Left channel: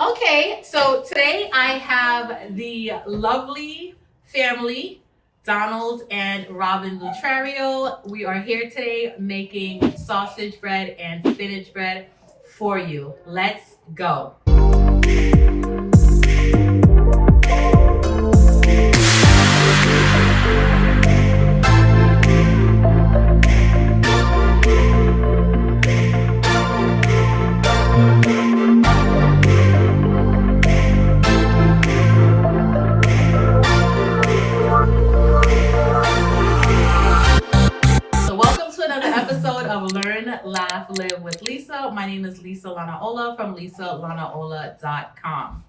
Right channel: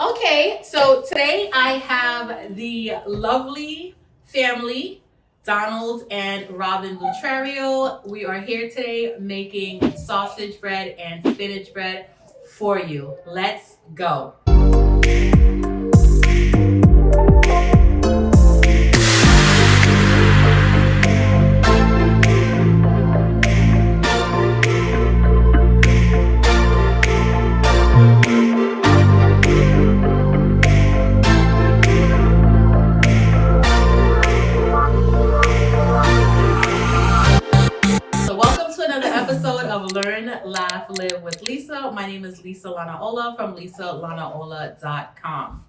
Okay, so today I have the lovely family, Donald and Robin Lutrario. We are here today making sausage bread and spinach bread for you. Let's go. So welcome to another episode of Learn, Laugh, Live with Lisa. My name is Lisa Lanaola from lisalanaola.com.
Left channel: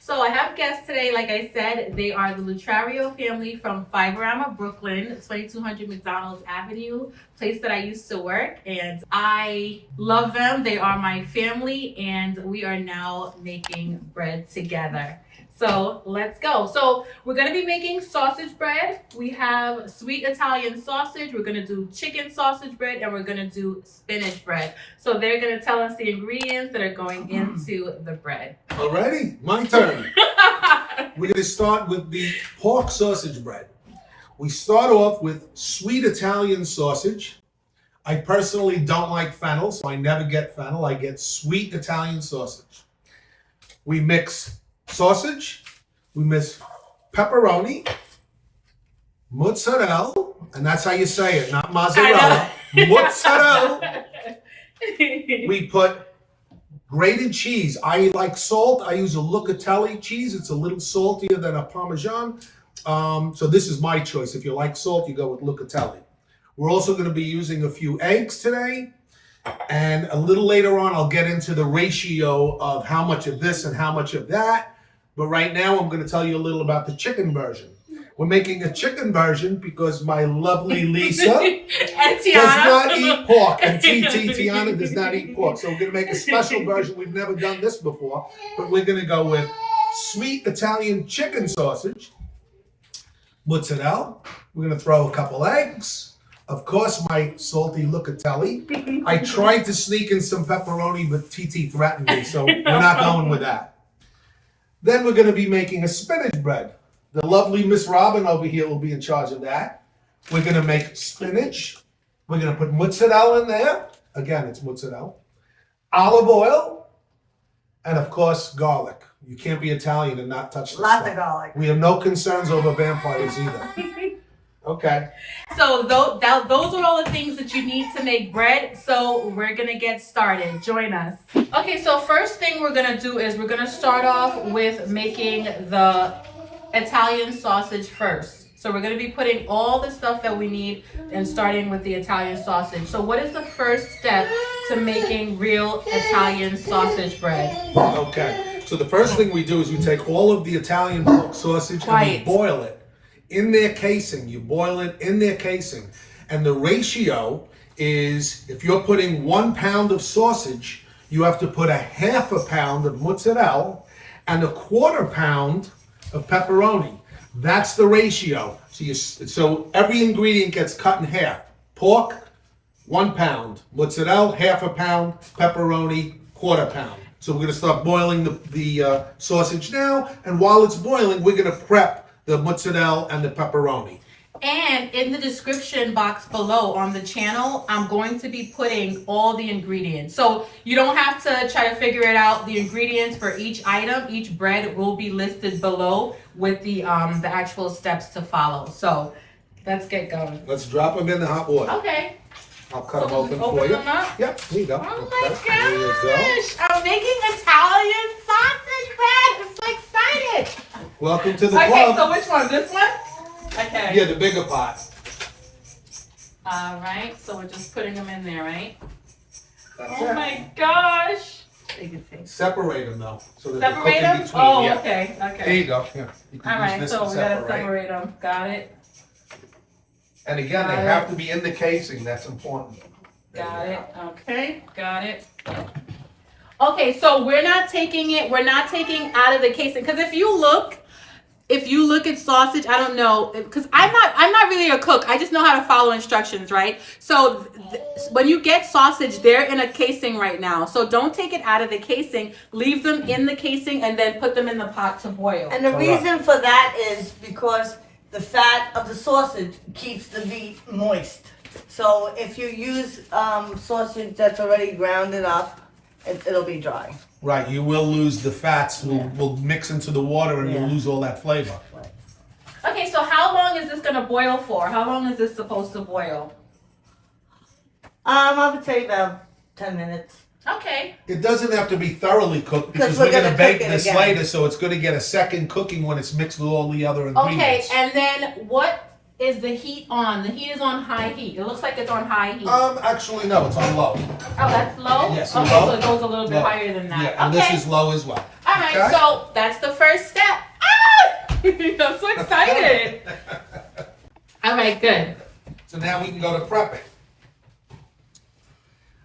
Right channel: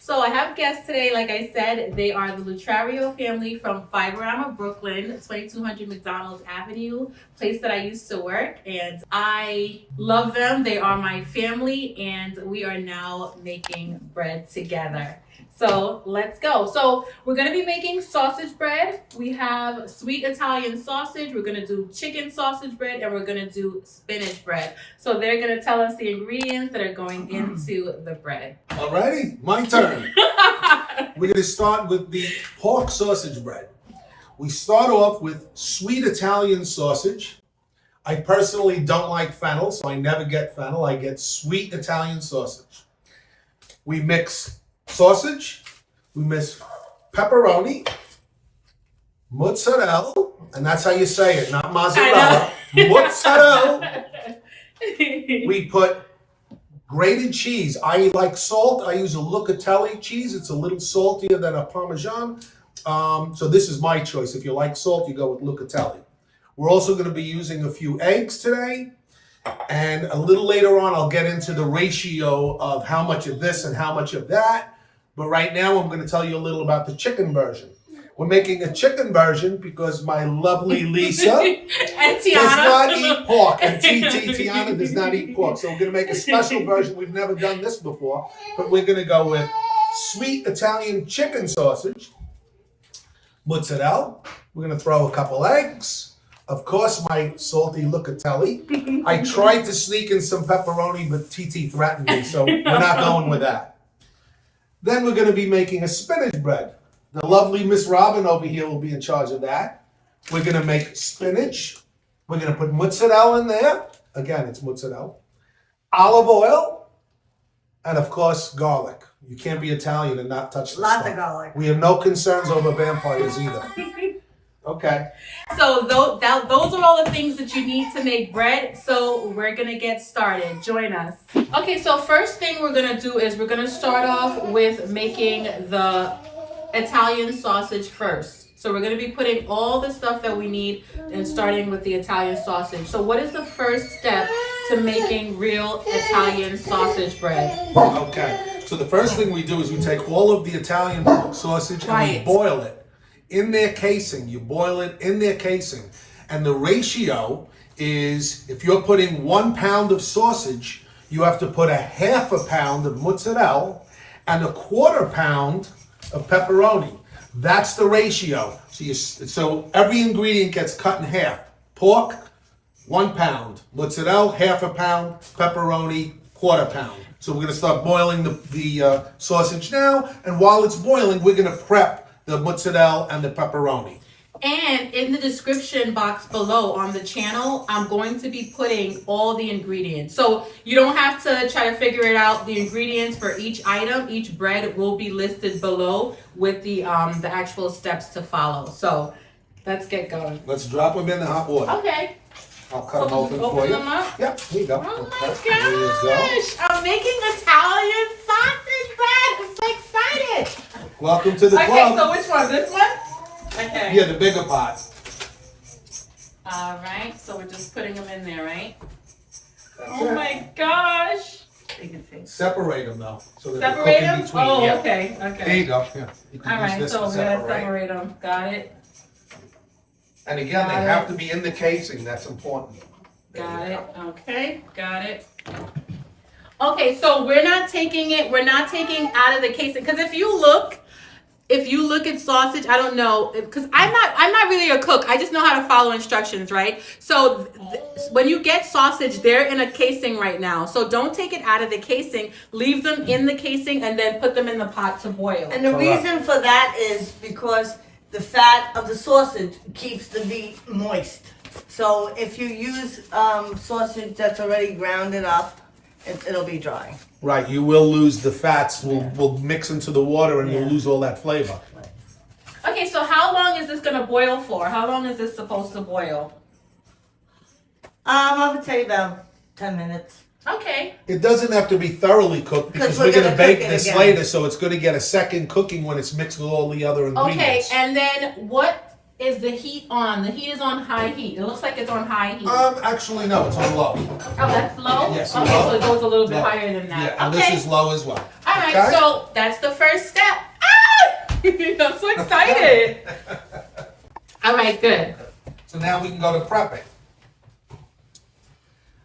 So I have guests today, like I said, they are the Lutrario family from Fiberama, Brooklyn, 2200 McDonald's Avenue, place that I used to work, and I love them. They are my family, and we are now making bread together. So let's go. So we're gonna be making sausage bread. We have sweet Italian sausage. We're gonna do chicken sausage bread, and we're gonna do spinach bread. So they're gonna tell us the ingredients that are going into the bread. Alrighty, my turn. We're gonna start with the pork sausage bread. We start off with sweet Italian sausage. I personally don't like fennel, so I never get fennel. I get sweet Italian sausage. We mix sausage, we mix pepperoni, mozzarella, and that's how you say it, not mozzarella, mozzarella. We put grated cheese. I like salt. I use a Lucatelli cheese. It's a little saltier than a Parmesan. So this is my choice. If you like salt, you go with Lucatelli. We're also going to be using a few eggs today. And a little later on, I'll get into the ratio of how much of this and how much of that. But right now, I'm going to tell you a little about the chicken version. We're making a chicken version because my lovely Lisa and does not eat pork. And Tiana does not eat pork. So we're going to make a special version. We've never done this before. But we're going to go with sweet Italian chicken sausage, mozzarella. We're going to throw a couple eggs. Of course, my salty Lucatelli. I tried to sneak in some pepperoni, but TT threatened me, so we're not going with that. Then we're going to be making a spinach bread. The lovely Miss Robin over here will be in charge of that. We're going to make spinach. We're going to put mozzarella in there. Again, it's mozzarella. Olive oil. And of course, garlic. You can't be Italian and not touch this Lots stuff. of garlic. We have no concerns over vampires either. Okay. So those are all the things that you need to make bread. So we're gonna get started. Join us. Okay, so first thing we're gonna do is we're gonna start off with making the Italian sausage first. So we're gonna be putting all the stuff that we need and starting with the Italian sausage. So what is the first step to making real Italian sausage bread? Okay. So the first thing we do is we take all of the Italian pork sausage and we boil it in their casing. You boil it in their casing. And the ratio is, if you're putting 1 pound of sausage, you have to put a half a pound of mozzarella and a quarter pound of pepperoni. That's the ratio. So every ingredient gets cut in half. Pork, 1 pound. Mozzarella, half a pound. Pepperoni, quarter pound. So we're gonna start boiling the sausage now. And while it's boiling, we're gonna prep the mozzarella and the pepperoni. And in the description box below on the channel, I'm going to be putting all the ingredients. So you don't have to try to figure it out. The ingredients for each item, each bread will be listed below with the actual steps to follow. So let's get going. Let's drop them in the hot water. Okay. I'll cut them open for you. Them up? Yep, here you go. Oh Okay, my there you go. gosh! I'm making Italian sausage bread. I'm so excited. Welcome to the Okay, club. so which one? This one? Okay. Yeah, the bigger pot. All right. So we're just putting them in there, right? That's Oh it. my gosh. Separate them though, so that they Separate cook in them? between. Oh, Yeah. okay. There Okay. you go. Here. You can All use right. this So to we gotta separate. separate them. Got it. And again, they Got have it. to be in the casing. That's important. There Got you it. go. Okay. Got it. Okay. So we're not taking out of the casing, because if you look, if you look at sausage, I don't know, because I'm not really a cook. I just know how to follow instructions, right? So when you get sausage, they're in a casing right now. So don't take it out of the casing. Leave them in the casing and then put them in the pot to boil. And the reason for that is because the fat of the sausage keeps the meat moist. So if you use sausage that's already grounded up, it'll be dry. Right, you will lose the fats, will mix into the water and you'll lose all that flavor. Okay, so how long is this gonna boil for? How long is this supposed to boil? I would say about 10 minutes. Okay. It doesn't have to be thoroughly cooked because we're going to bake this later, so it's going to get a second cooking when it's mixed with all the other ingredients. Okay, and then what is the heat on? The heat is on high heat. It looks like it's on high heat. Actually, no, it's on low. Oh, that's low? Yes, okay, low. so it goes a little bit Low. higher than that. Yeah, and okay. this is low as well. All right, Okay? so that's the first step. Ah! I'm so excited. All right, good. So now we can go to prepping.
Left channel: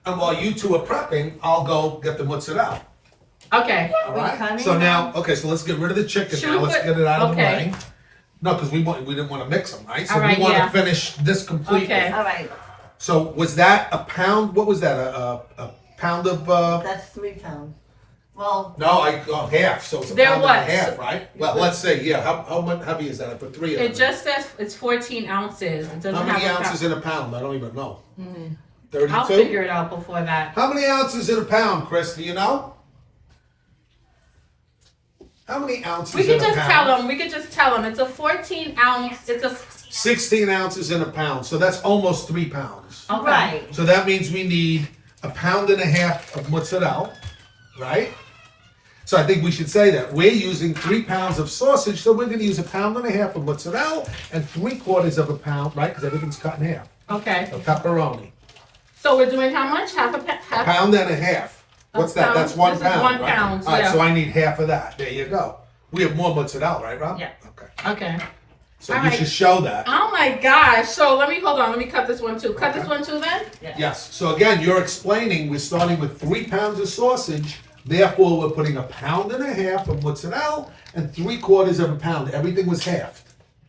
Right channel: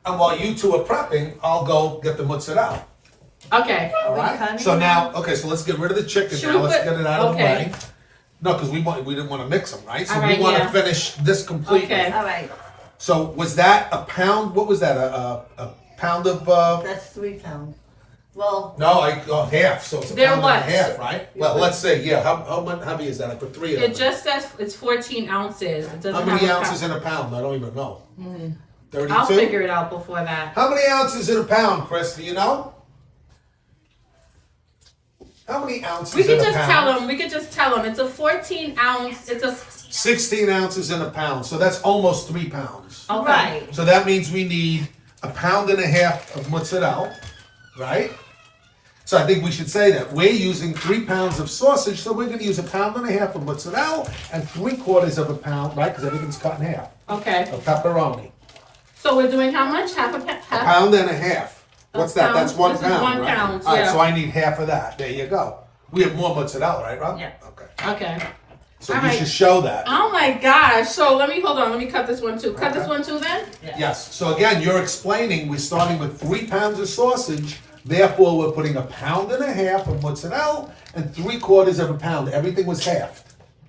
And while you two are prepping, I'll go get the mozzarella. Okay. All we right? cutting So now? now, okay, so let's get rid of the chicken Should now. we Let's put- get it out of the okay. way. No, because we didn't want to mix them, right? So All right, we want yeah. to finish this completely. Okay. All right, So was that a pound? What was that? A pound of? that's 3 pounds. Well, No, half. So it's a There pound was. and a half, right? Well, let's say, yeah. How much heavy is that? I put 3 of them. It just says it's 14 ounces. It doesn't How many have a ounces pound. in a pound? I don't even know. 32? I'll figure it out before that. How many ounces in a pound, Chris? Do you know? How many ounces We in could a just pound? tell them. We could just tell them. It's a 14 ounce. It's a 16 ounces in a pound. So that's almost 3 pounds. okay. right. So that means we need a pound and a half of mozzarella, right? So I think we should say that. We're using 3 pounds of sausage, so we're going to use a pound and a half of mozzarella and 3/4 of a pound, right? Because everything's cut in half. Okay. Of pepperoni. So we're doing how much? Half a A half. pound and a half. What's that? pound. That's 1 This is pound, 1 right? pound, All right, yeah. so I need half of that. There you go. We have more mozzarella, right, Rob? Yeah. Okay. Okay. So All you right. should show that. Oh my gosh. So let me hold on. Let me cut this one too. Cut this Okay. one too then? Yes. So again, you're explaining we're starting with 3 pounds of sausage. Therefore, we're putting a pound and a half of mozzarella and 3/4 of a pound. Everything was halved.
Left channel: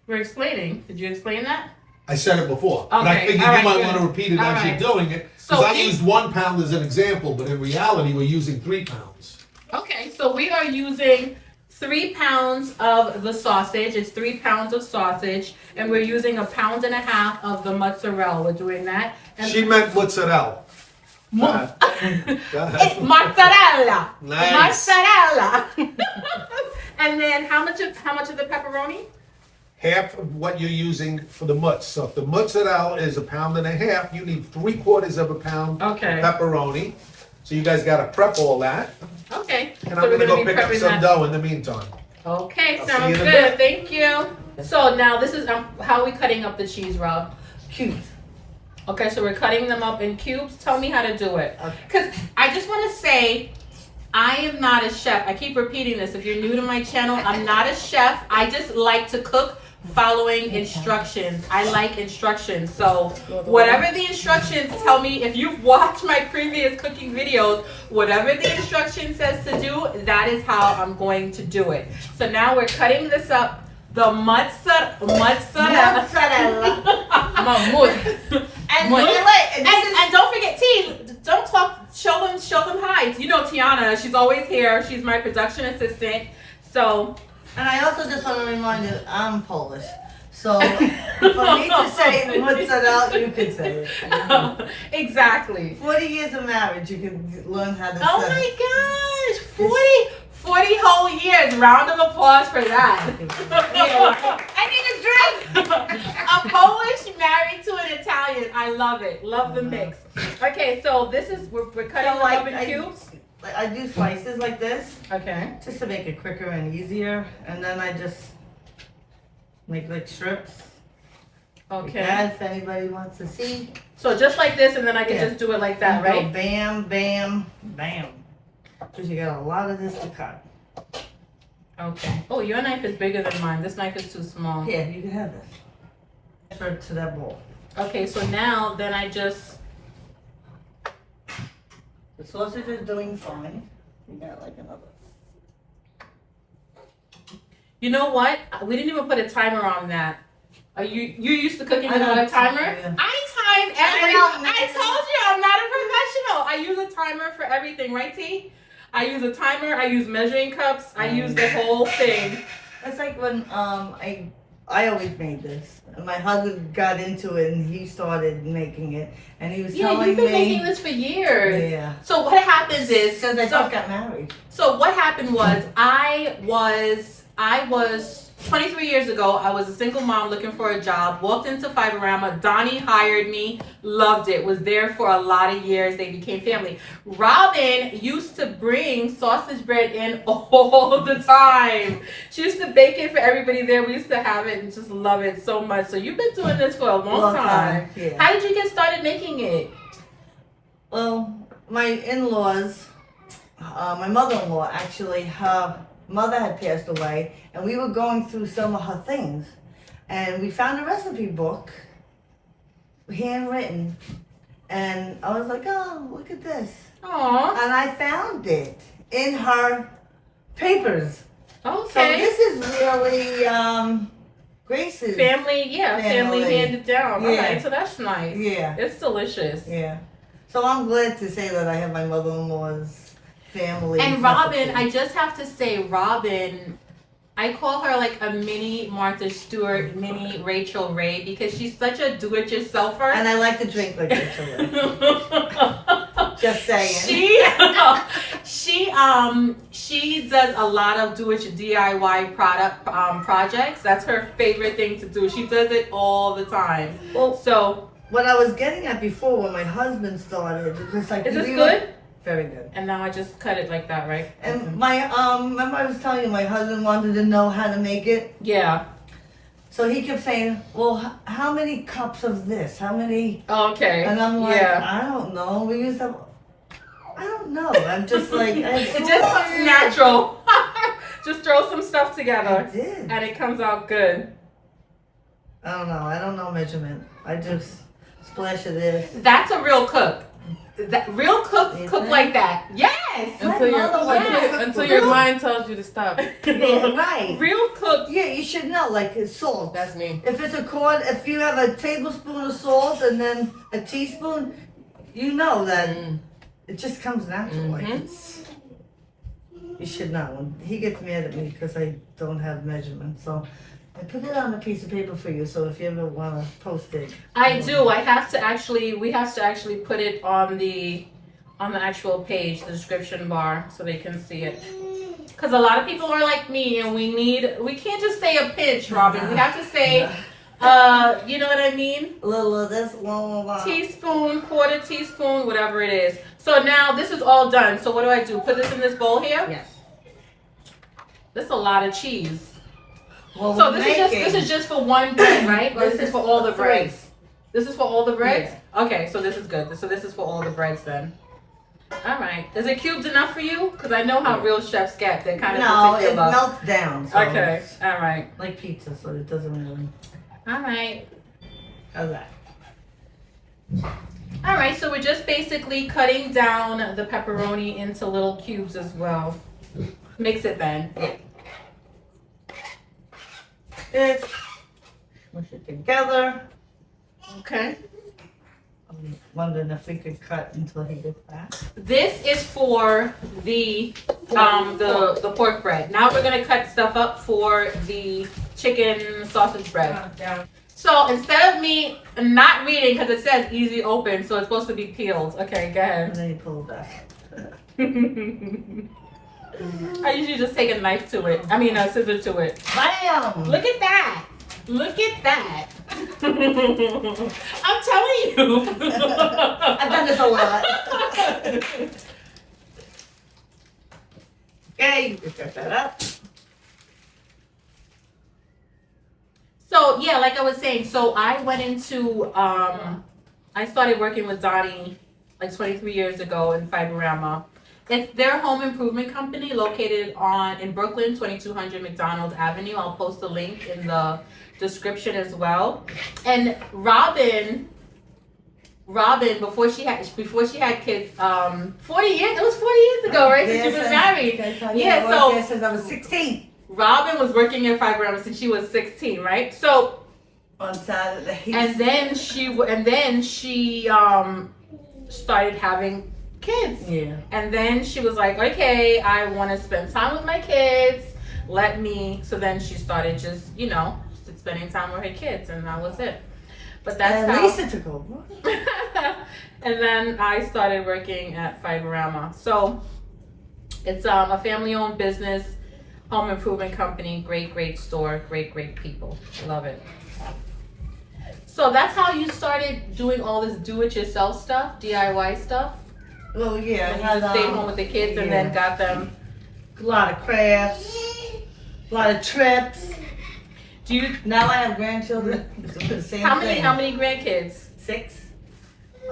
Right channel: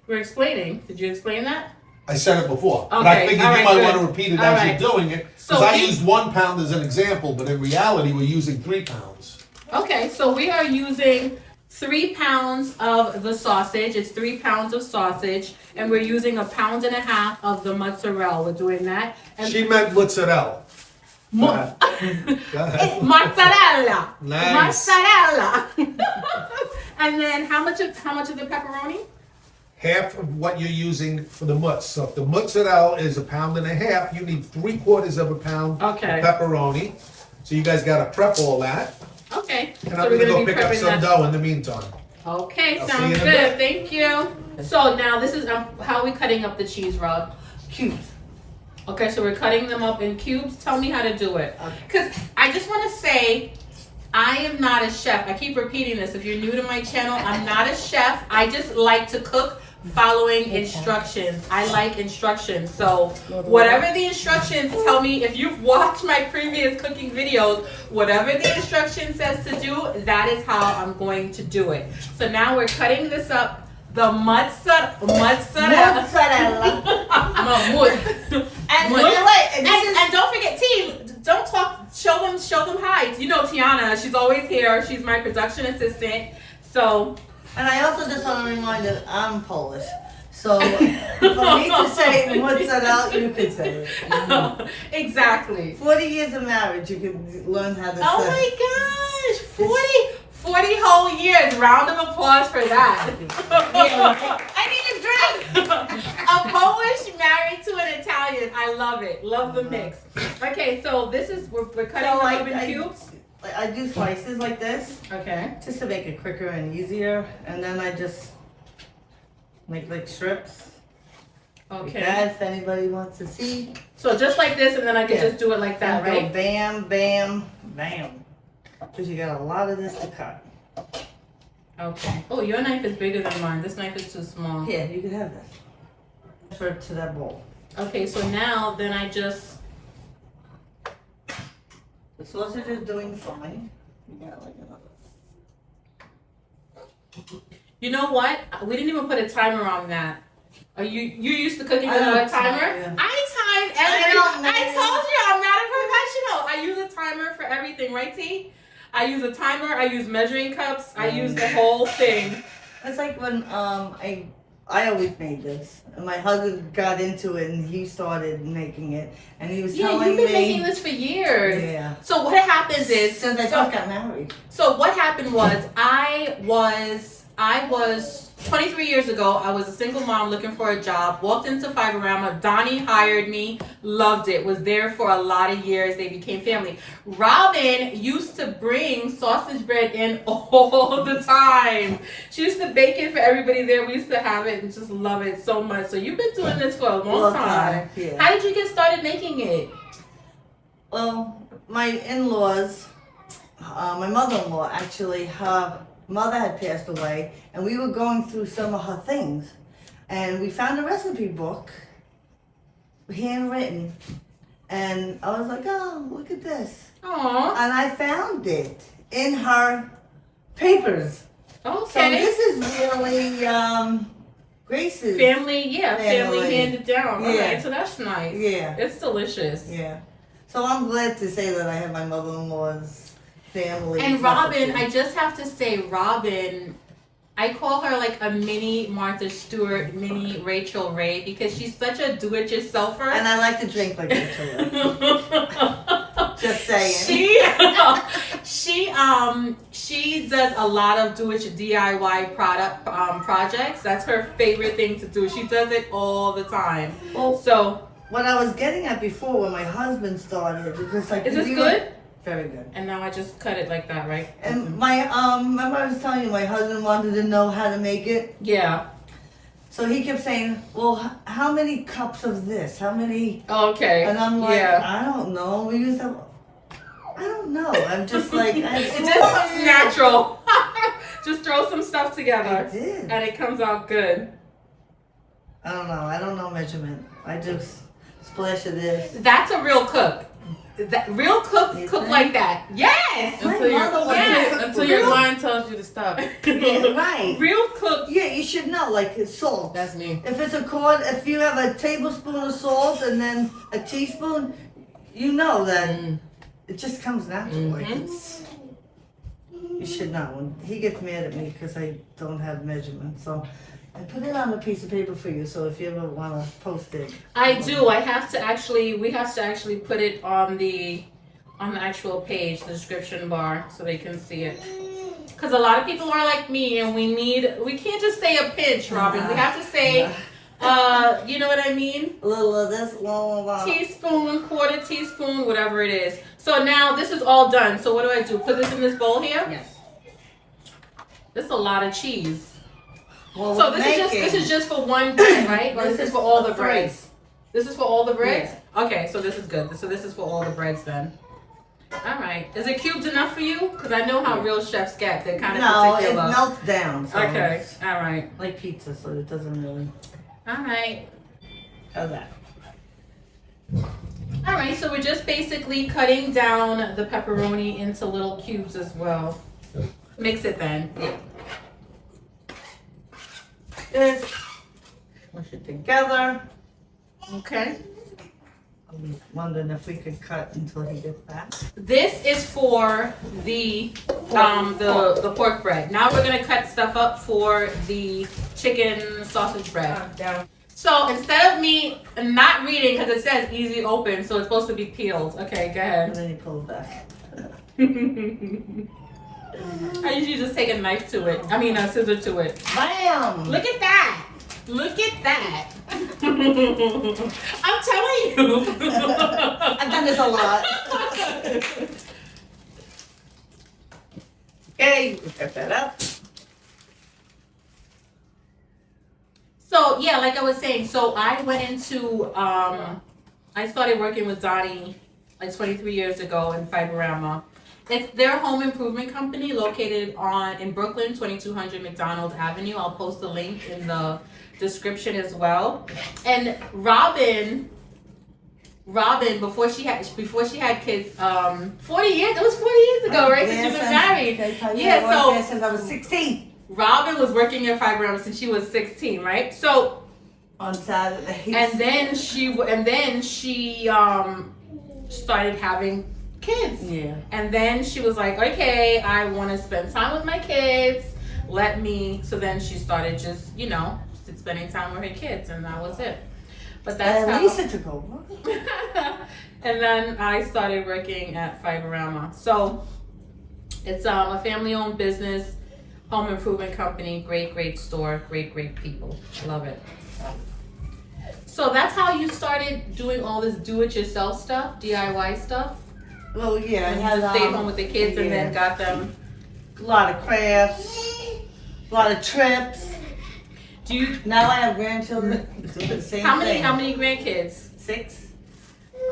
We're explaining. Did you explain that? I said it before, but I Okay, think all you right, might good. want to repeat it All as right. you're doing it. Because So I if- used 1 pound as an example, but in reality, we're using 3 pounds. Okay. So we are using 3 pounds of the sausage. It's 3 pounds of sausage. And we're using a pound and a half of the mozzarella. We're doing that. And She meant mozzarella. Go ahead. Go ahead. mozzarella. Nice. Mozzarella. And then how much of the pepperoni? Half of what you're using for the mozz. So if the mozzarella is a pound and a half, you need 3/4 of a pound Okay. of pepperoni. So you guys got to prep all that. Okay. And so I'm we're going to gonna go be pick up prepping some that. dough in the meantime. Okay, I'll see sounds you in a good. bit. Thank you. So now this is how are we cutting up the cheese, Rob? Cubes. Okay, so we're cutting them up in cubes. Tell me how to do it. Because I just want to say, I am not a chef. I keep repeating this. If you're new to my channel, I'm not a chef. I just like to cook following instructions. I like instructions. So whatever the instructions tell me, if you've watched my previous cooking videos, whatever the instruction says to do, that is how I'm going to do it. So now we're cutting this up. The mozzarella. Mozzarella. And Mood. you're right. And this is And don't forget, T. Don't talk. Show them hi. You know Tiana. She's always here. She's my production assistant. So And I also just want to remind you, I'm Polish. So for me to say mozzarella, you could say it. exactly. 40 years of marriage, you could learn how to Oh say my gosh, 40 whole years. Round of applause for that. I need a drink. A Polish married to an Italian. I love it. Love the mix. Okay, so this is we're cutting So them like, up in cubes. I do slices like this, Okay. just to make it quicker and easier. And then I just make like strips. Like Okay. that, if anybody wants to see. So just like this, and then I can Yeah. just do it like that, You go right? Bam, bam, bam. Because you got a lot of this to cut. Okay. Oh, your knife is bigger than mine. This knife is too small. Here, you can have this. Transfer it to that bowl. Okay, so now then I just The sausage is doing fine. You got like another. You know what? We didn't even put a timer on that. Are you used to cooking without a timer? Yeah. I time every. I told you I'm not a professional. I use a timer for everything, right, T? I use a timer. I use measuring cups. I use the whole thing. It's like when I always made this, and my husband got into it, and he started making it, and he was telling me. You've been making this for years. Yeah. So what happens is, because I just got married. So what happened was, I was 23 years ago, I was a single mom looking for a job, walked into Fiberama, Donnie hired me, loved it, was there for a lot of years, they became family. Robin used to bring sausage bread in all the time. She used to bake it for everybody there, we used to have it and just love it so much. So you've been doing this for a long time. Yeah. How did you get started making it? Well, my in-laws, my mother-in-law actually, her mother had passed away, and we were going through some of her things, and we found a recipe book, handwritten, and I was like, oh, look at this. Aww. And I found it in her papers. Okay. So this is really Grace's family family. handed down. Yeah. All right, so that's nice. Yeah. It's delicious. Yeah. So I'm glad to say that I have my mother-in-law's family. And Robin, recipe. I just have to say, Robin, I call her like a mini Martha Stewart, mini Rachel Ray, because she's such a do-it-yourselfer. And I like to drink like Rachel. Just saying. She does a lot of DIY projects. That's her favorite thing to do. She does it all the time. Well, So what I was getting at before when my husband started, because like is this good? Very good. And now I just cut it like that, right? And my remember I was telling you my husband wanted to know how to make it. Yeah. So he kept saying, "Well, how many cups of this? How many?" Okay. And I'm like, yeah. "I don't know. We used to. I don't know. I'm just like It just comes natural. Just throw some stuff together, I did. and it comes out good. I don't know. I don't know measurement. I just splash of this. That's a real cook. Real cooks You cook think? like that. Yes. My mother was yes, Until real- your mind tells you to stop. Yeah, right. Real cooks. Yeah, you should know. Like it's salt. That's me. If it's if you have a tablespoon of salt and then a teaspoon, you know that it just comes natural. Like it's, you should know. When he gets mad at me because I don't have measurements, so I put it on a piece of paper for you. So if you ever want to post it, I do. We have to actually put it on the actual page, the description bar, so they can see it. Because a lot of people are like me, and we can't just say a pinch, Robin. We have to say, you know what I mean? a little of this, blah. Teaspoon, quarter teaspoon, whatever it is. So now this is all done. So what do? Put this in this bowl here? Yes. This is a lot of cheese. Well, So this is just for one bread, right? Or this is for all the breads? This is for all the breads? Okay, so this is good. So this is for all the breads then. All right. Is it cubed enough for you? Because I know how real chefs get. They're kind of No, it particular. melts down. So Okay. it's All right. like pizza, so it doesn't really. All right. How's that? All right. So we're just basically cutting down the pepperoni into little cubes as well. Mix it then. This. Mush it together. Okay. I was wondering if we could cut until he gets back. This is for the pork bread. Now we're gonna cut stuff up for the chicken sausage bread. So instead of me not reading, because it says easy open, so it's supposed to be peeled. Okay, go And ahead. then you pull it back. I usually just take a knife to it. I mean a scissor to it. Bam! Look at that! Look at that! I'm telling you. I've done this a lot. Okay, you can cut that up. So yeah, like I was saying, so I went into I started working with Donnie like 23 years ago in Fiberama. They're a home improvement company located in Brooklyn, 2200 McDonald Avenue. I'll post a link in the description as well. And Robin, before she had kids, 40 years. It was 40 years ago, right? Since you've been married. Yeah, so since I was 16. Robin was working at Fiberama since she was 16, right? So On Saturday. and then she started having kids. Yeah. And then she was like, okay, I want to spend time with my kids. So then she started just, spending time with her kids, and that was it. But that's And how. Lisa took over. And then I started working at Fiberama. So it's a family-owned business, home improvement company, great store, great people. Love it. So that's how you started doing all this do-it-yourself stuff, DIY stuff? Well, yeah. And I you just had, stayed home with the kids and then got them. a lot of crafts, a lot of trips. Do you? Now I have grandchildren. Do the same How thing. many grandkids? 6.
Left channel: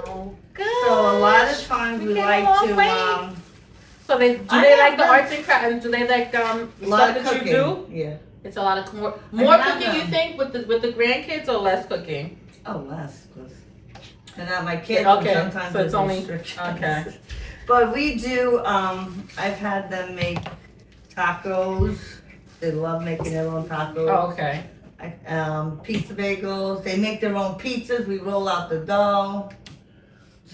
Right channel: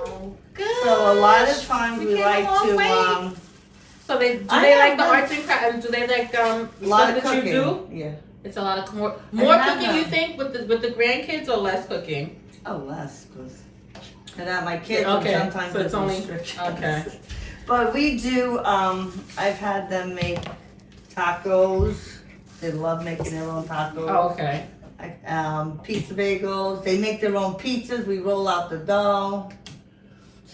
Oh, good. So a lot of times we came a like long to. way. So do I they have like the them. arts and crafts? And do they like A the lot stuff of that cooking. you do? Yeah. It's a lot of more have cooking. You them. think with the grandkids or less cooking? Oh, less, cause and not my kids. Okay, and sometimes so it's there's only restrictions. okay. But we do. I've had them make tacos. They love making their own tacos. Oh, okay. Pizza bagels. They make their own pizzas. We roll out the dough.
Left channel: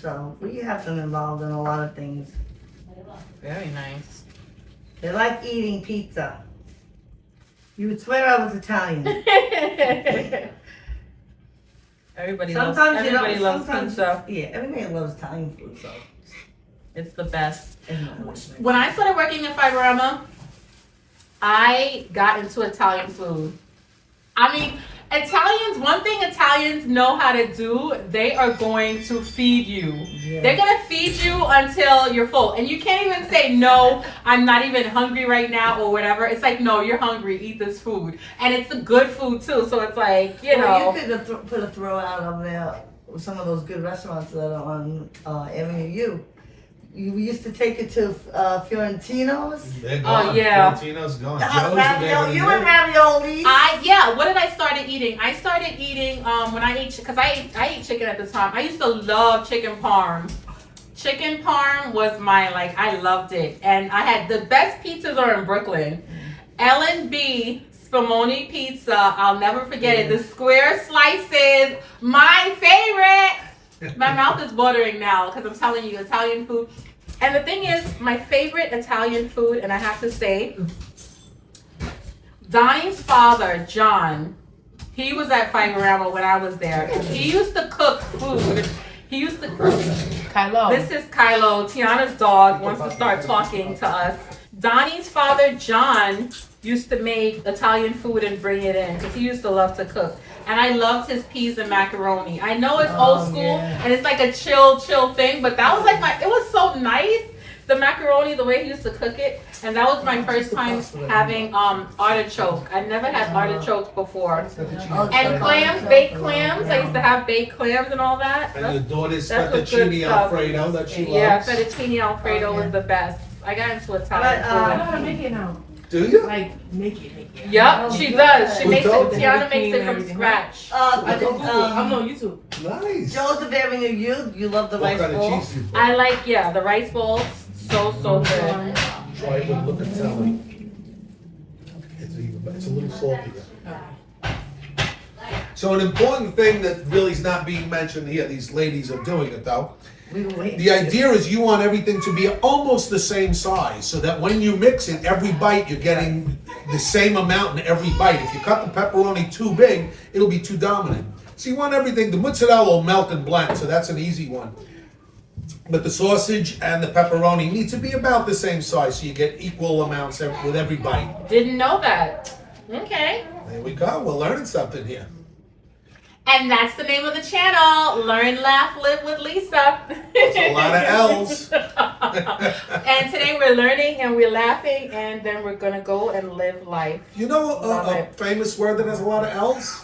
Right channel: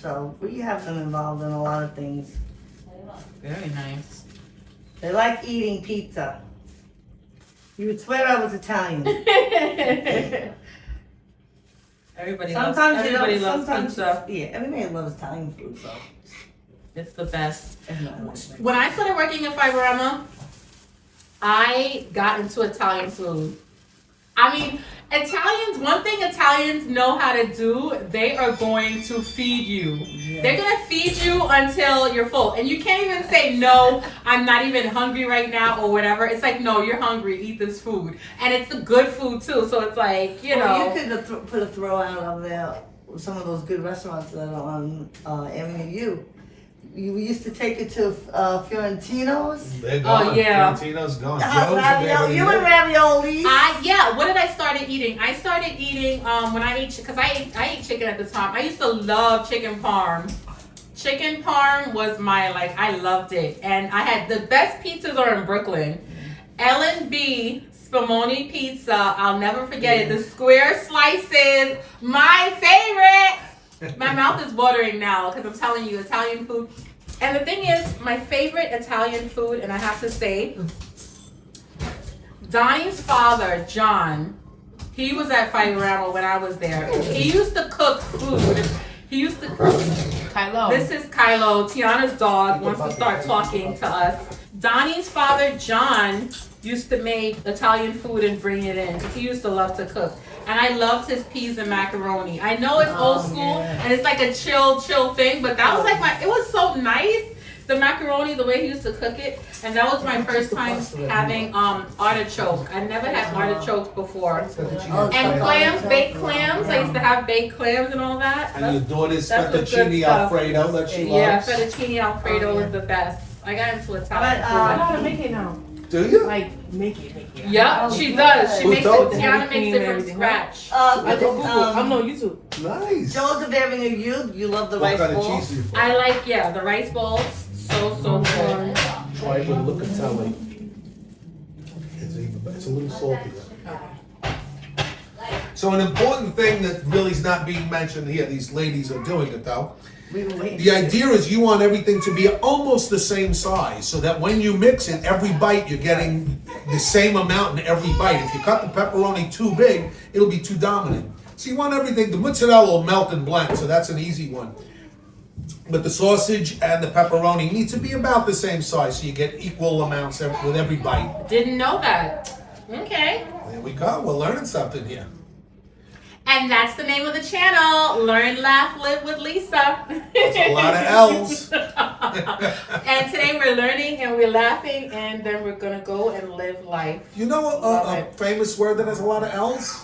So we have them involved in a lot of things. Very nice. They like eating pizza. You would swear I was Italian. Everybody Sometimes loves sometimes, pizza. Yeah, everybody loves Italian food, so. It's the best. it's not much better. When I started working at Fiberama, I got into Italian food. I mean, one thing Italians know how to do, they are going to feed you. Yeah. They're going to feed you until you're full. And you can't even say, no, I'm not even hungry right now or whatever. It's like, no, you're hungry, eat this food. And it's the good food too. So it's like, you know. You could have put a throw out on there, some of those good restaurants that are on Avenue U. We used to take it to Fiorentino's. They're Oh, gone. yeah. Fiorentino's gone. Ravioli, you and raviolis. What did I started eating? I started eating when I ate, because I ate chicken at the time. I used to love chicken parm. Chicken parm was I loved it. And I had the best pizzas are in Brooklyn. L&B Spumoni pizza, I'll never forget it. The square slices, my favorite. My mouth is watering now because I'm telling you, Italian food. And the thing is, my favorite Italian food, and I have to say, Donnie's father, John, he was at Fiberama when I was there. He used to cook food. Kylo. This is Kylo. Tiana's dog wants to start talking to us. Donnie's father, John, used to make Italian food and bring it in because he used to love to cook. And I loved his peas and macaroni. I know it's old school and it's like a chill thing, but that was it was so nice. The macaroni, the way he used to cook it. And that was my first time having artichoke. I never had artichokes before. And clams, baked clams. I used to have baked clams and all that. And your daughter's that's what good fettuccine stuff. alfredo that she Yeah, loves. fettuccine alfredo was the best. I got into Italian But, I know food. how to make it now. Do you? Like, make it. Yep, she does. She Who makes it. told you? Tiana makes it from scratch. I'm on YouTube. Nice. Joseph Avenue, you love the What rice kind of bowl. cheese you put? I like the rice balls. So good. Try it with look and tell me. It's a little salty. So an important thing that really is not being mentioned here, these ladies are doing it though. We were waiting. The idea is you want everything to be almost the same size so that when you mix it, every bite you're getting the same amount in every bite. If you cut the pepperoni too big, it'll be too dominant. So you want everything, the mozzarella will melt and blend, so that's an easy one. But the sausage and the pepperoni need to be about the same size so you get equal amounts with every bite. Didn't know that. Okay. There we go, we're learning something here. And that's the name of the channel. Learn, Laugh, Live with Lisa. There's a lot of L's. And today we're learning and we're laughing and then we're going to go and live life. You know a famous word that has a lot of L's?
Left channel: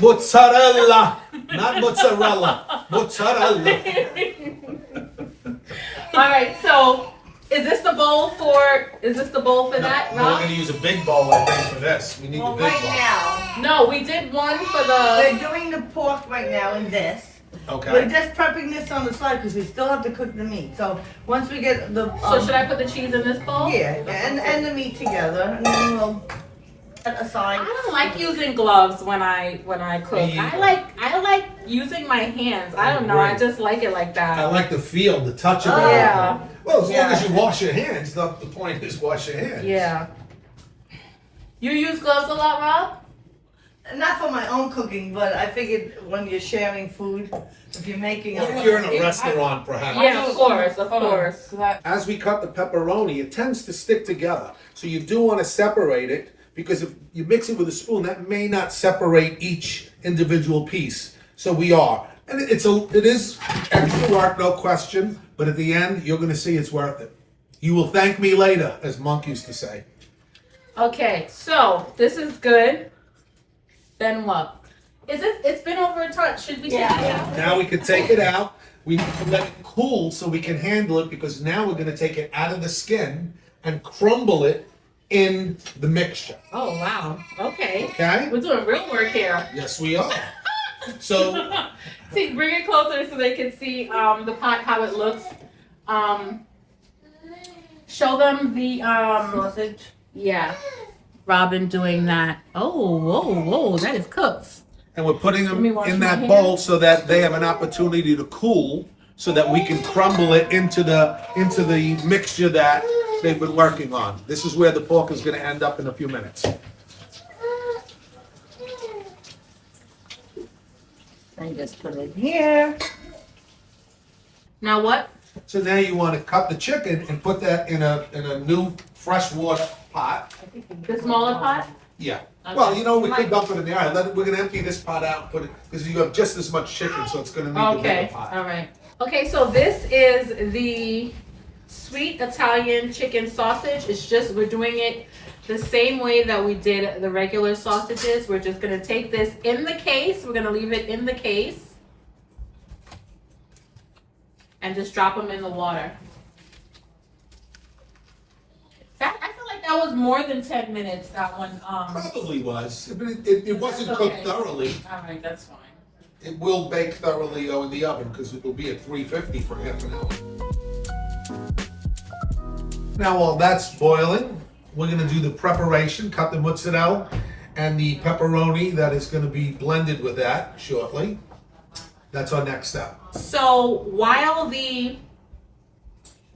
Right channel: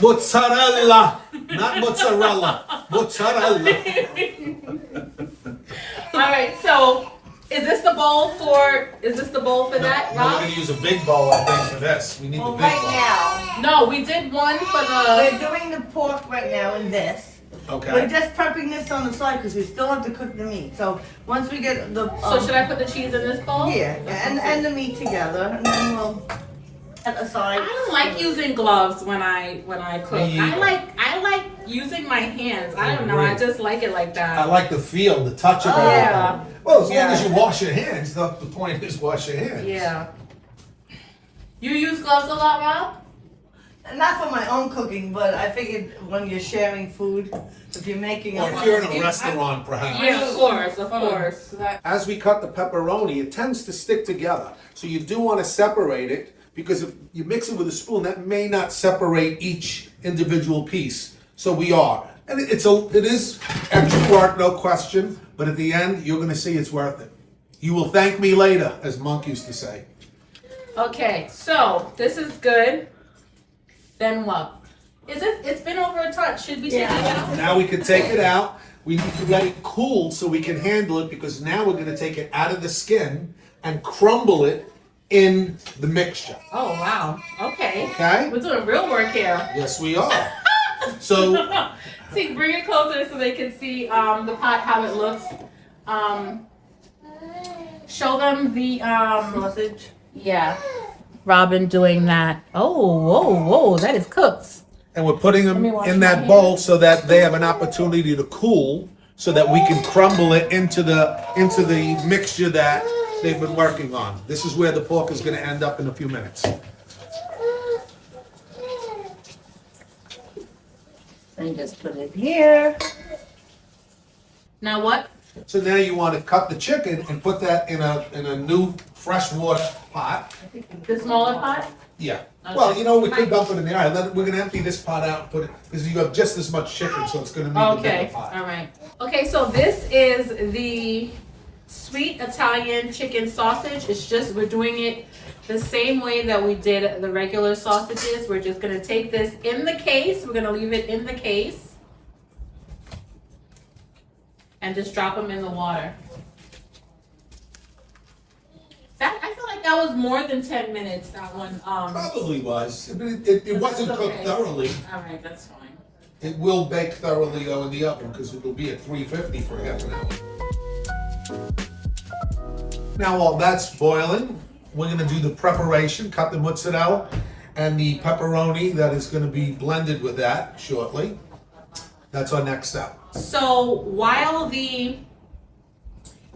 Mozzarella, not mozzarella. Mozzarella. All right, so is this the bowl for that, We're Rob? gonna use a big bowl, I think, for this. We need Well, the big right bowl. now, No, we did one for the. we're doing the pork right now in this. We're Okay. just prepping this on the side because we still have to cook the meat. So once we get the So should I put the cheese in this bowl? yeah, and the meat together, and then we'll aside. I don't like using gloves when I cook. Me I either. like using my hands. I don't know. I just like it like that. I like the feel, the touch of it. Yeah. Well, as long Yeah. as you wash your hands, the point is wash your hands. Yeah. You use gloves a lot, Rob? Not for my own cooking, but I figured when you're sharing food, if you're making Or a if you're in a restaurant, perhaps. Yeah, of course, of course. As we cut the pepperoni, it tends to stick together. So you do want to separate it, because if you mix it with a spoon, that may not separate each individual piece. So we are. And it is extra work, no question, but at the end, you're going to see it's worth it. You will thank me later, as Monk used to say. Okay, so this is good. Then what? It's been over a touch. Should we take it out? Now we can take it out. We need to let it cool so we can handle it, because now we're going to take it out of the skin and crumble it in the mixture. Oh wow. Okay. Okay? We're doing real work here. Yes, we are. So, See, bring it closer so they can see the pot, how it looks. Show them the sausage. yeah. Robin doing that. Oh, whoa, that is cooked. and we're putting Let me them wash in my that hands. bowl so that they have an opportunity to cool, so that we can crumble it into the mixture that they've been working on. This is where the pork is going to end up in a few minutes. And just put it here. Now what? So now you want to cut the chicken and put that in a new fresh water pot. The smaller pot? Yeah. Okay. Well, you know, we could dump it in the aisle. We're going to empty this pot out and put it, because you have just as much chicken, so it's going to need the Okay, bigger pot. all right. Okay, so this is the sweet Italian chicken sausage. It's just, we're doing it the same way that we did the regular sausages. We're just gonna take this in the case. We're gonna leave it in the case. And just drop them in the water. That, I feel like that was more than 10 minutes, that one. Probably was. But it wasn't That's cooked okay. thoroughly. All right, that's fine. It will bake thoroughly though in the oven, because it'll be at 350 for half an hour. Now while that's boiling, we're gonna do the preparation, cut the mozzarella and the pepperoni that is gonna be blended with that shortly. That's our next step. So while the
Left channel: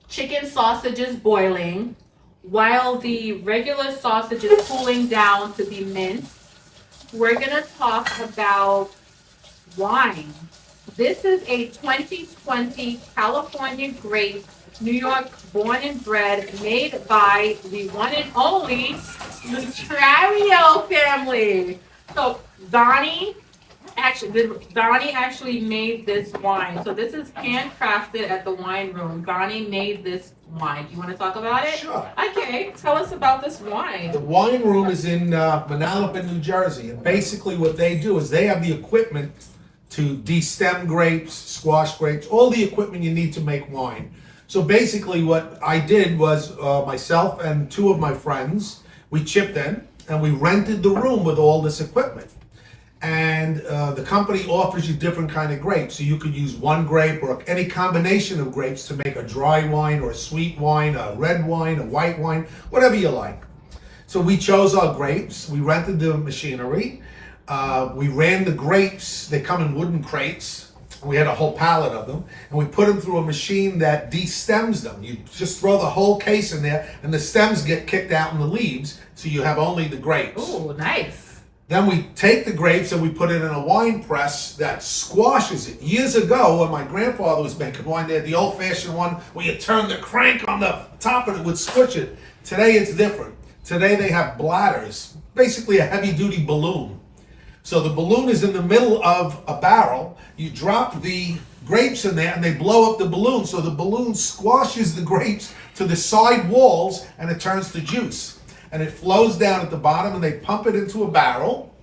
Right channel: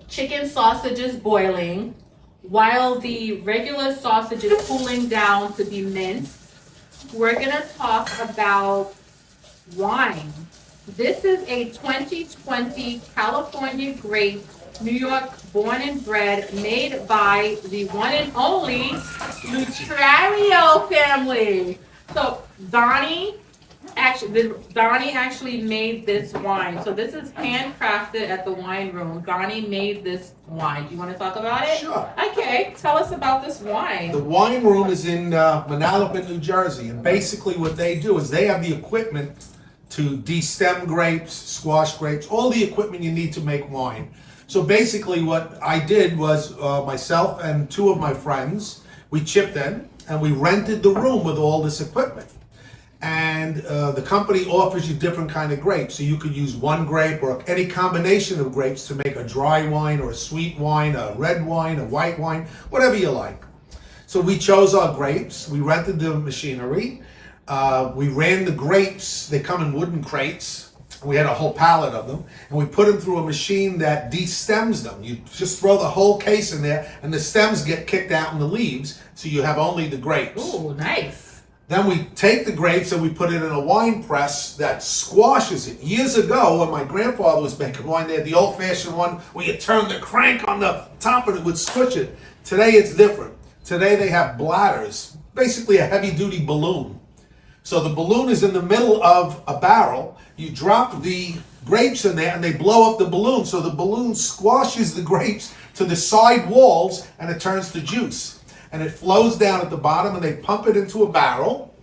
chicken sausage is boiling, while the regular sausage is cooling down to be minced, we're gonna talk about wine. This is a 2020 California grape, New York born and bred, made by the one and only Lutrario family. So Donnie actually made this wine. So this is handcrafted at the wine room. Donnie made this wine. Do you want to talk about it? Sure. Okay, tell us about this wine. The wine room is in Manalapan, New Jersey, and basically what they do is they have the equipment to destem grapes, squash grapes, all the equipment you need to make wine. So basically what I did was myself and two of my friends, we chipped in and we rented the room with all this equipment. And the company offers you different kind of grapes. So you could use one grape or any combination of grapes to make a dry wine or a sweet wine, a red wine, a white wine, whatever you like. So we chose our grapes, we rented the machinery, we ran the grapes, they come in wooden crates. We had a whole pallet of them, and we put them through a machine that de-stems them. You just throw the whole case in there, and the stems get kicked out in the leaves, so you have only the grapes. Ooh, nice. Then we take the grapes and we put it in a wine press that squashes it. Years ago, when my grandfather was making wine, they had the old-fashioned one where you turn the crank on the top and it would squish it. Today it's different. Today they have bladders, basically a heavy-duty balloon. So the balloon is in the middle of a barrel. You drop the grapes in there and they blow up the balloon. So the balloon squashes the grapes to the side walls and it turns to juice. And it flows down at the bottom and they pump it into a barrel.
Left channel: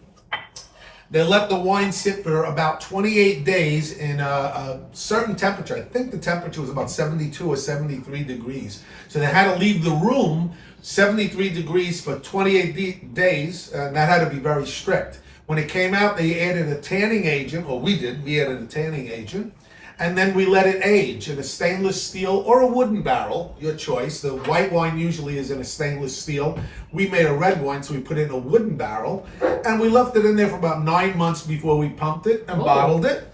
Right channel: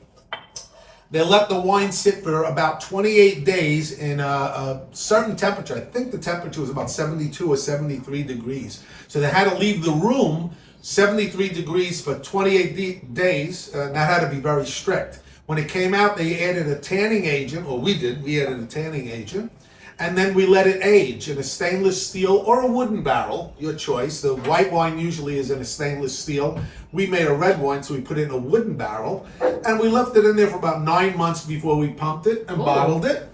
They let the wine sit for about 28 days in a certain temperature. I think the temperature was about 72 or 73 degrees. So they had to leave the room 73 degrees for 28 days, and that had to be very strict. When it came out, they added a tanning agent, or we did, we added a tanning agent, And then we let it age in a stainless steel or a wooden barrel, your choice. The white wine usually is in a stainless steel. We made a red wine, so we put it in a wooden barrel. And we left it in there for about 9 months before we pumped it and bottled it.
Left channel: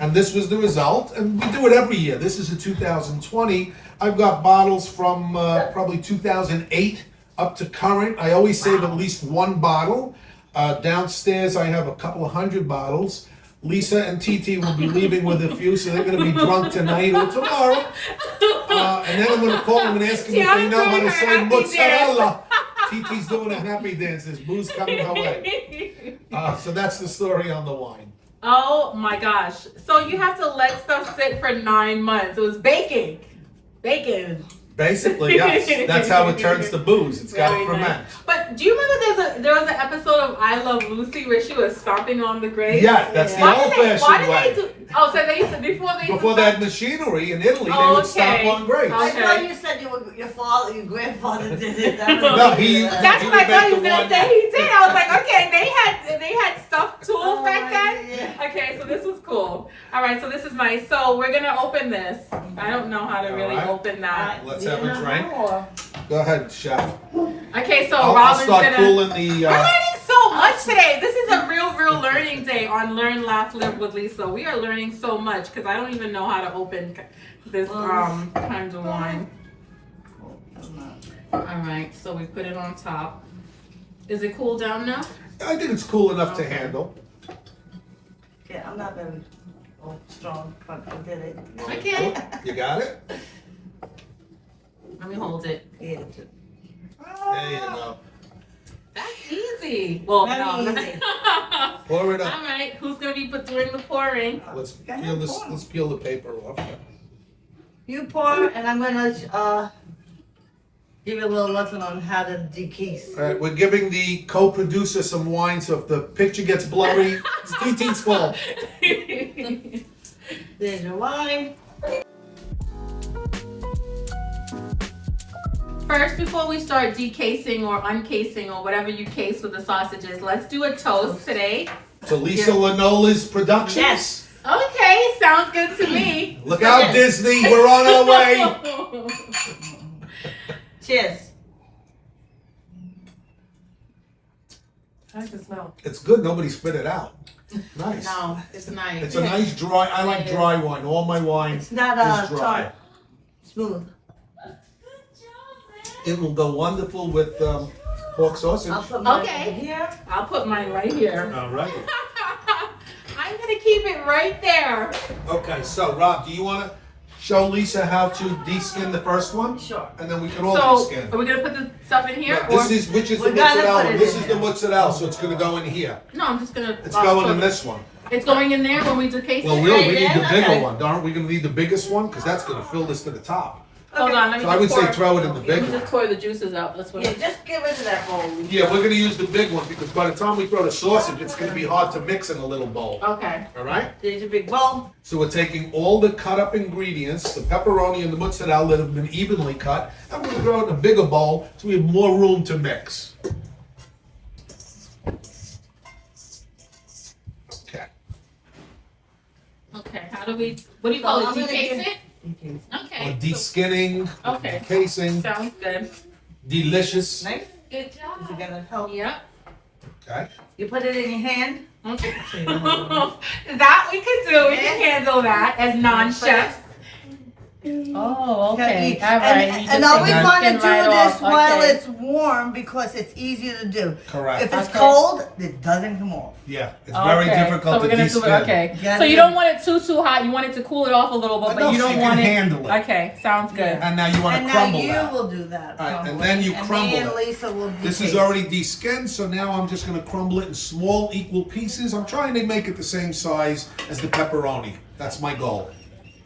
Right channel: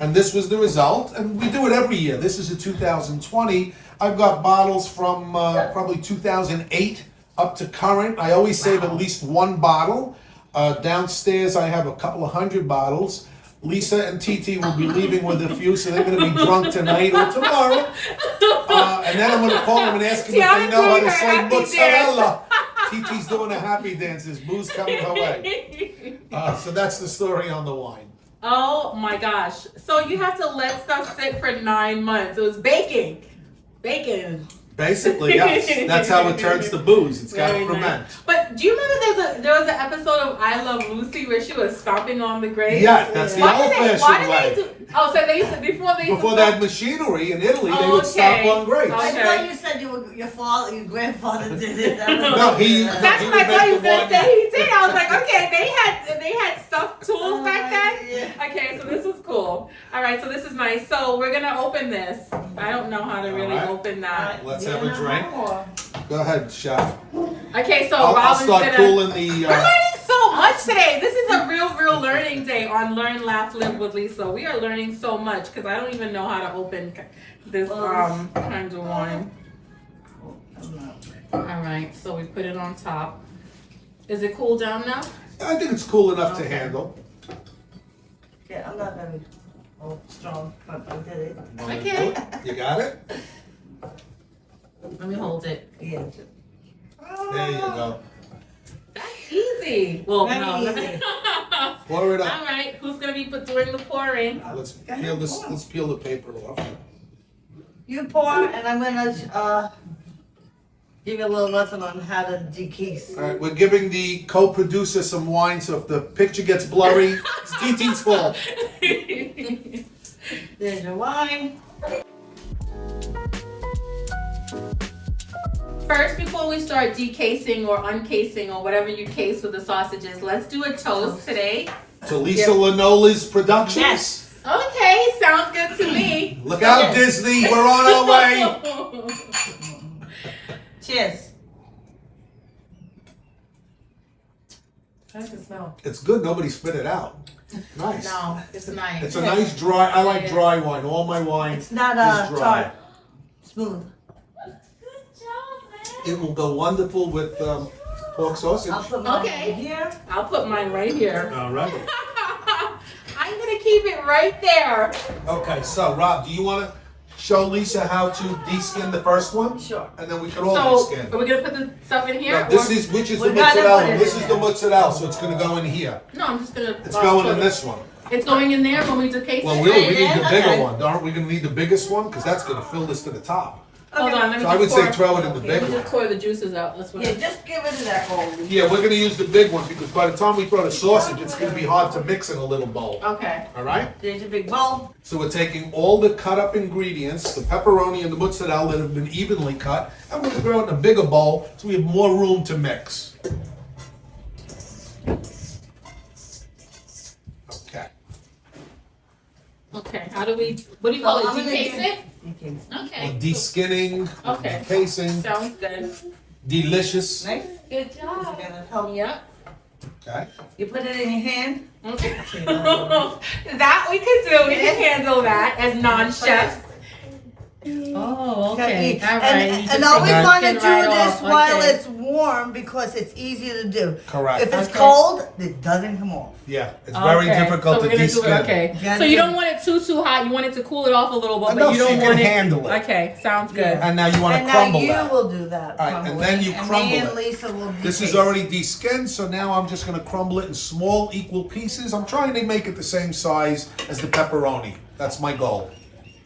And this was the result. And we do it every year. This is a 2020. I've got bottles from probably 2008 up to current. I always save at least one bottle. Downstairs, I have a couple of hundred bottles. Lisa and TT will be leaving with a few, so they're going to be drunk tonight or tomorrow. And then I'm going to call them and ask them if they know how to say mozzarella. TT's doing a happy dance. There's booze coming her way. So that's the story on the wine. Oh my gosh. So you have to let stuff sit for 9 months. It was baking. Bacon. Basically, yes. That's how it turns to booze. It's got to Very ferment. nice. But do you remember there was an episode of I Love Lucy where she was stomping on the grave? Yeah, that's the old-fashioned way. Oh, so they used to before they had machinery in Italy, they would stomp on grapes. I Okay. thought you said your grandfather did it. No, That's what I thought he was gonna say. He did. I was like, okay, they had stuffed tools Oh, back then. yeah. Okay, so this is cool. All right, so this is nice. So we're gonna open this. I don't know how to really All right. open that. Let's have a drink. Go ahead, chef. Okay, so I'll Robin's start gonna. cooling the. We're learning so much today. This is a real learning day on Learn, Laugh, Live with Lisa. We are learning so much because I don't even know how to open this kind of wine. All right, so we put it on top. Is it cool down now? I think it's cool enough to handle. Yeah, I'm not very strong, but I did it. Okay. You got it? Let me hold it. Yeah. There you go. That's easy. Well, Very no. easy. Pour it up. All right, who's gonna be doing the pouring? Let's peel this. Let's peel the paper off. You pour, and I'm gonna give you a little lesson on how to decase. All right, we're giving the co-producer some wine, so if the picture gets blurry, it's TT's fault. There's your wine. First, before we start decasing or uncasing or whatever you case with the sausages, let's do a toast today. To Lisa Lanola's Productions. Yes. Okay, sounds good to me. Look out, Disney, we're on our way. Cheers. How does it smell? It's good, nobody spit it out. Nice. No, it's nice. It's a nice dry, I like dry wine. All my wine It's not is dry. tart. Smooth. It will go wonderful with pork sausage. I'll put mine Okay. over here. I'll put mine right here. All right. I'm gonna keep it right there. Okay, so Rob, do you want to show Lisa how to de-skin the first one? Sure. And then we can all So, de-skin. are we gonna put the stuff in here? No, this is, which is the We gotta mozzarella? put it This in is the there. mozzarella, so it's going to go in here. No, I'm just gonna. It's going so in this one. It's going in there when we decase Well, it? we need the bigger Okay. one. Aren't we going to need the biggest one? Because that's going to fill this to the top. Hold on, let me So I would just say pour- throw it in the big Let me one. just pour the juices out. That's what Yeah, just get rid of that bowl. Yeah, we're going to use the big one because by the time we throw the sausage, it's going to be hard to mix in a little bowl. Okay. All right? There's your big bowl. So we're taking all the cut up ingredients, the pepperoni and the mozzarella that have been evenly cut, and we're going to throw it in a bigger bowl so we have more room to mix. Okay. Okay. How do we? What do you call So I'm it? gonna Decase do- it? Okay. De-skinning, Okay. casing, Sounds good. delicious. Nice. Good Is it job. gonna help? Yep. Okay. You put it in your hand. Okay. That we could do. We can handle that as non-chefs. Oh, okay. All right. And always Okay. want to do Right this off. while Okay. it's warm because it's easier to do. Correct. If it's Okay. cold, it doesn't come off. Yeah, it's very Okay, difficult so we're to gonna do de-skin. it. Okay, Yeah, so you yeah. don't want it too hot. You want it to cool it off a little bit, but Enough you so don't you can want it. handle it. Okay, sounds good. And now you want And to now crumble you that. will do that. All right, and crumble then it. you and crumble me and it. Lisa will do This is already de-skinned, so now I'm just going to crumble it in small, equal pieces. I'm trying to make it the same size as the pepperoni. That's my goal.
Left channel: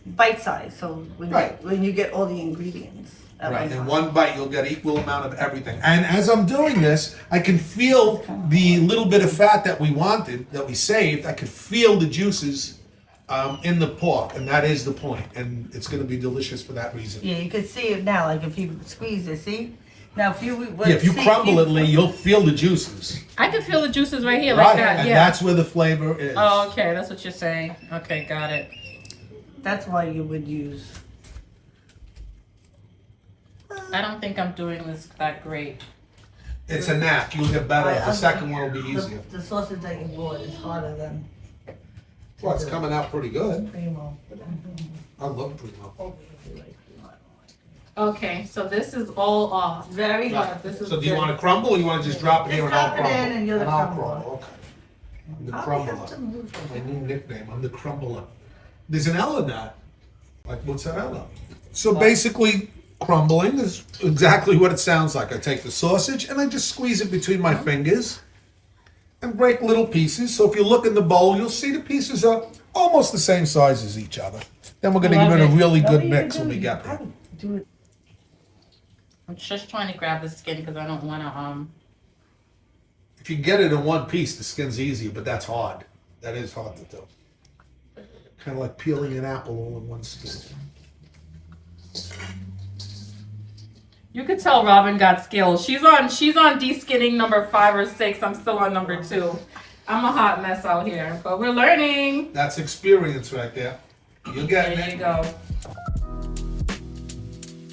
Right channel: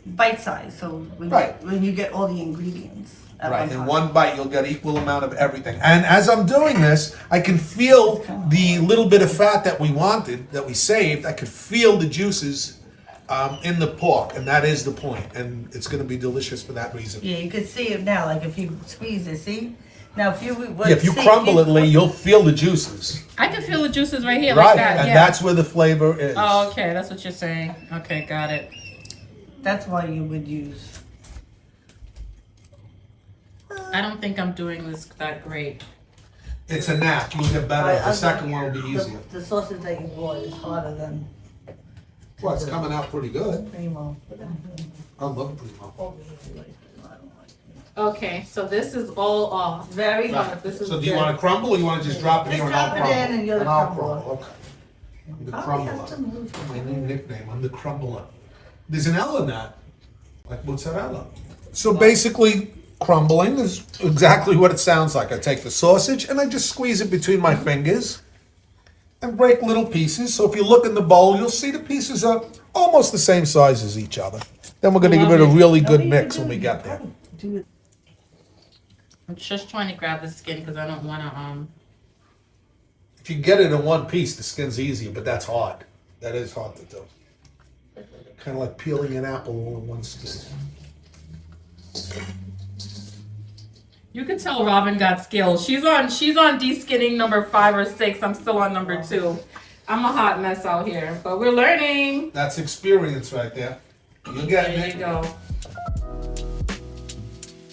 bite size. So Right. when you get all the ingredients at Right, one in time. one bite you'll get equal amount of everything. And as I'm doing this, I can feel the little bit of fat that we wanted, that we saved. I could feel the juices in the pork, and that is the point. And it's going to be delicious for that reason. Yeah, you can see it now. Like if you squeeze it, see. Now if you Yeah, if you crumble it, Lee, you'll feel the juices. I can feel the juices right here, Right, like that. and Yeah. that's where the flavor is. Oh, okay, that's what you're saying. Okay, got it. That's why you would use. I don't think I'm doing this that great. It's a knack. You'll get better. I The second one will be the- easier. The sausage that you bought is harder than Well, it's coming out pretty good. primo. I love primo. Okay, so this is all off. Very hard. This is So do you good. want to crumble or you want to just drop it Just here and I'll drop it crumble? in and you're the I'll crumbler. crumble, okay. I'm the Probably have to crumbler. move. My new nickname, I'm the crumbler. There's an L in that, like mozzarella. So basically, crumbling is exactly what it sounds like. I take the sausage and I just squeeze it between my fingers and break little pieces. So if you look in the bowl, you'll see the pieces are almost the same size as each other. Then we're gonna Love give it a it. really No, good you mix can when do we it. get there. Do it. I'm just trying to grab the skin because I don't want to. If you get it in one piece, the skin's easier, but that's hard. That is hard to do. Kind of like peeling an apple all in one skin. You could tell Robin got skills. She's on de-skinning number 5 or 6. I'm still on number 2. I'm a hot mess out here, but we're learning. That's experience right there. You're getting There it. you go.